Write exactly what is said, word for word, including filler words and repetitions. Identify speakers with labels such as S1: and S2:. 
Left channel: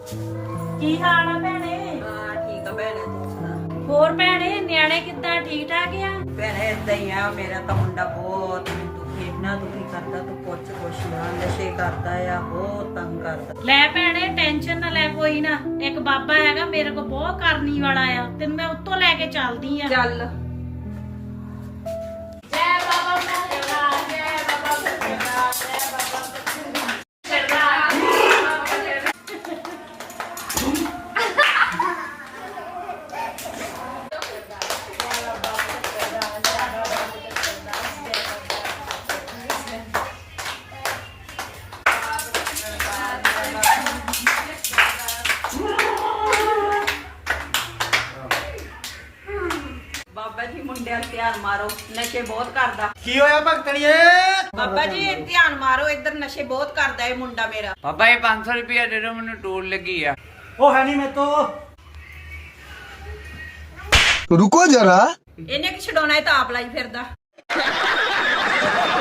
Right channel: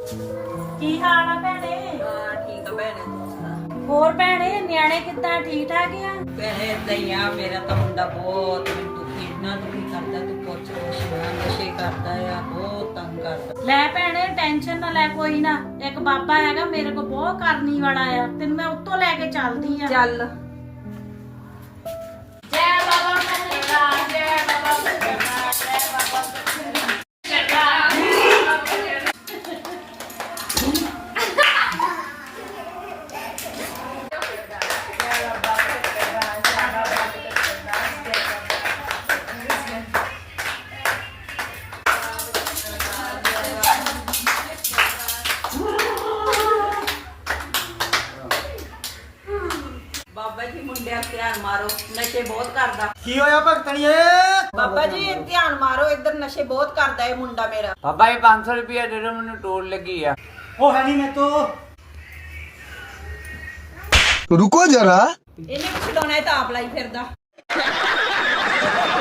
S1: ਕੀ ਹਾਲ ਆ ਭੈਣੇ?
S2: ਹਾਂ ਠੀਕ ਆ ਭੈਣੇ, ਤੂੰ ਸੁਣਾ?
S1: ਹੋਰ ਭੈਣੇ ਨਿਆਣੇ ਕਿੱਦਾਂ, ਠੀਕ ਠਾਕ ਆ?
S2: ਭੈਣੇ ਏਦਾਂ ਹੀ ਆ, ਮੇਰਾ ਤਾਂ ਮੁੰਡਾ ਬਹੁਤ ਮੈਨੂੰ ਦੁਖੀ ਇੰਨਾ ਦੁਖੀ ਕਰਦਾ, ਤੂੰ ਪੁੱਛ ਕੁਛ ਨਾ। ਨਸ਼ੇ ਕਰਦਾ ਆ, ਬਹੁਤ ਤੰਗ ਕਰਦਾ।
S1: ਲੈ ਭੈਣੇ ਟੈਨਸ਼ਨ ਨਾ ਲੈ, ਕੋਈ ਨਾ। ਇੱਕ ਬਾਬਾ ਹੈਗਾ ਮੇਰੇ ਕੋਲ, ਬਹੁਤ ਕਰਨੀ ਵਾਲਾ ਆ, ਤੇ ਮੈਂ ਉੱਤੋਂ ਲੈ ਕੇ ਚੱਲਦੀ ਆ।
S2: ਚੱਲ।
S1: ਜੈ ਬਾਬਾ ਸੱਚਾ, ਜੈ ਬਾਬਾ ਸੱਚਾ, ਜੈ ਬਾਬਾ ਸੱਚਾ।
S2: ਬਾਬਾ ਜੀ ਮੁੰਡਿਆਂ ਤੇ ਧਿਆਨ ਮਾਰੋ, ਨਸ਼ੇ ਬਹੁਤ ਕਰਦਾ।
S3: ਕੀ ਹੋਇਆ ਭਗਤਣੀਏ?
S2: ਬਾਬਾ ਜੀ ਧਿਆਨ ਮਾਰੋ, ਇੱਧਰ ਨਸ਼ੇ ਬਹੁਤ ਕਰਦਾ ਇਹ ਮੁੰਡਾ ਮੇਰਾ।
S4: ਬਾਬਾ ਇਹ ਪੰਜ ਸੌ ਰੁਪਇਆ ਦੇ ਦਿਓ, ਮੈਨੂੰ ਟੋਲ ਲੱਗੀ ਆ।
S3: ਉਹ ਹੈ ਨਹੀਂ ਮੇਰੇ ਤੋਂ।
S5: रुको जरा।
S2: ਇਹਨੇ ਕਿ ਛਡਾਉਣਾ, ਇਹ ਤਾਂ ਆਪ ਲਾਈ ਫਿਰਦਾ।